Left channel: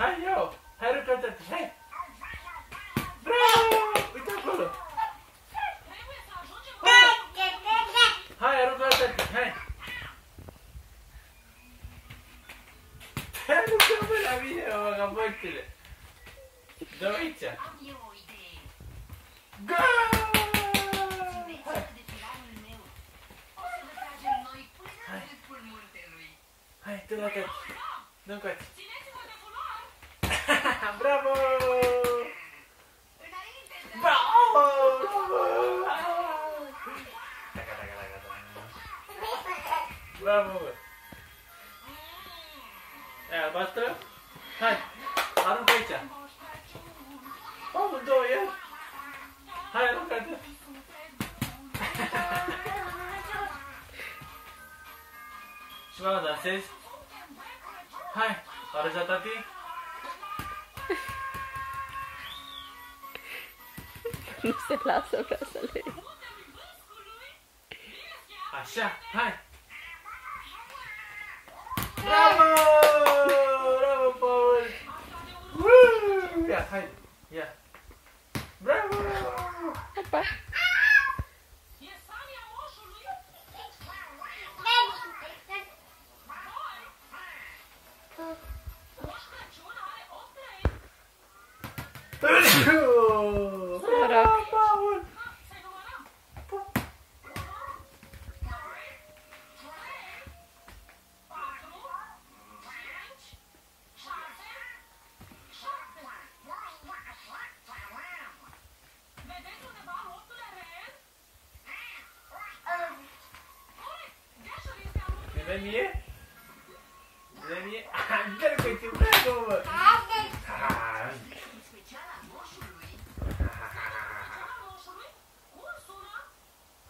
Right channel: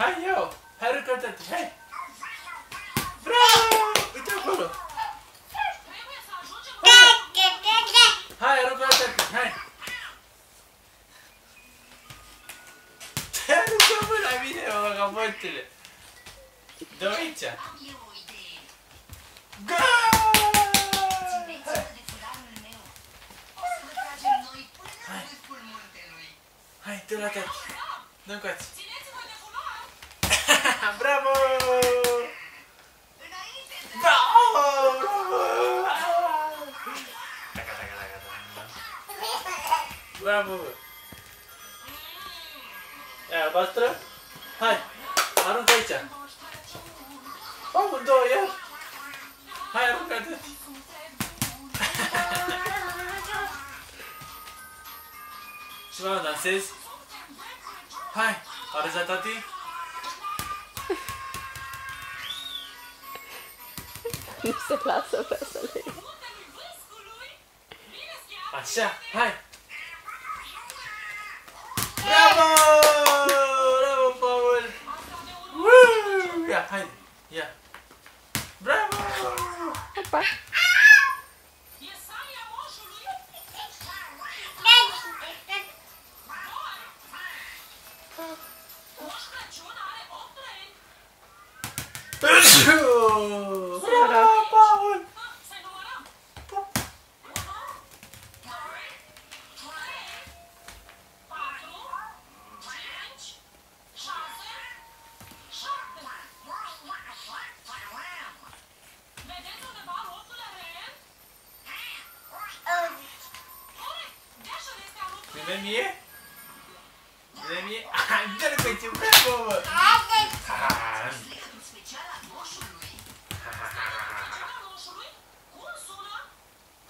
Hai, ia-o! Hai, răcătă-te, hai! Bravo! Uite acolo! Hai, răcătă-te, hai! Te aruncă mă la mine, mă, vagabondule! Dă-o aici! Hai, dă la tati! Dă încoace! Bravo! Bravo! Bravo! E albastră? Hai! Aruncă aici! Amândouă, iar! Hai, aruncă-te! Și mă, dansezi? Hai! Arăți la tati? Nu se lasă, vreau să le ridic. Așa, hai! Bravo! Bravo, Paul! Ia, haide, ia! Bravo! Opa! Bravo, Paul! Vine mie? Vine mie? Dă-l că ce bravo, mă!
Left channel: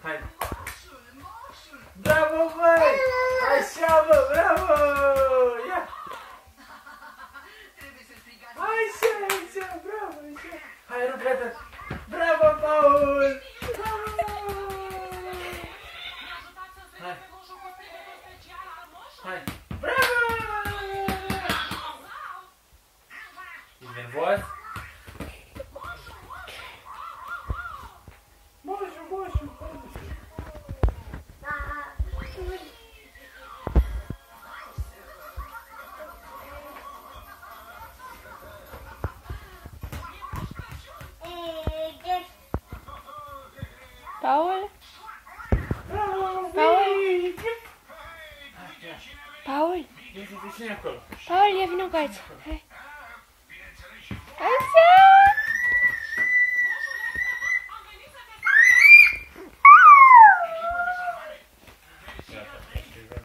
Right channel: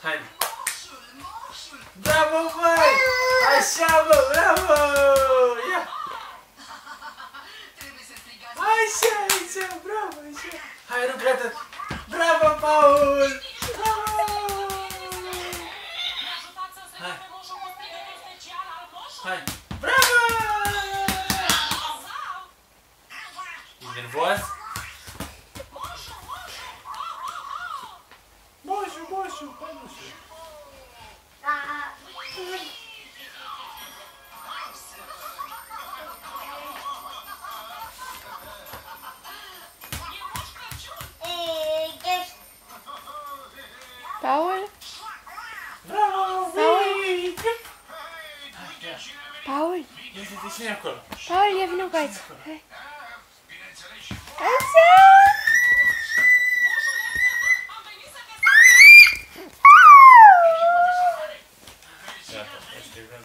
Hai! Bravo, băi! Așa, bă, bravo! Ia! Așa, așa, bravo, așa! Hai, rugat-te! Bravo, Paul! Hai! Hai! Bravo! E nervos? Moșu, moșu, hai, moșu! Paul? Bravo! Paul? Hai, ia! Paul? Ia, te cine acolo? Paul, ia vină cu aici. Hai.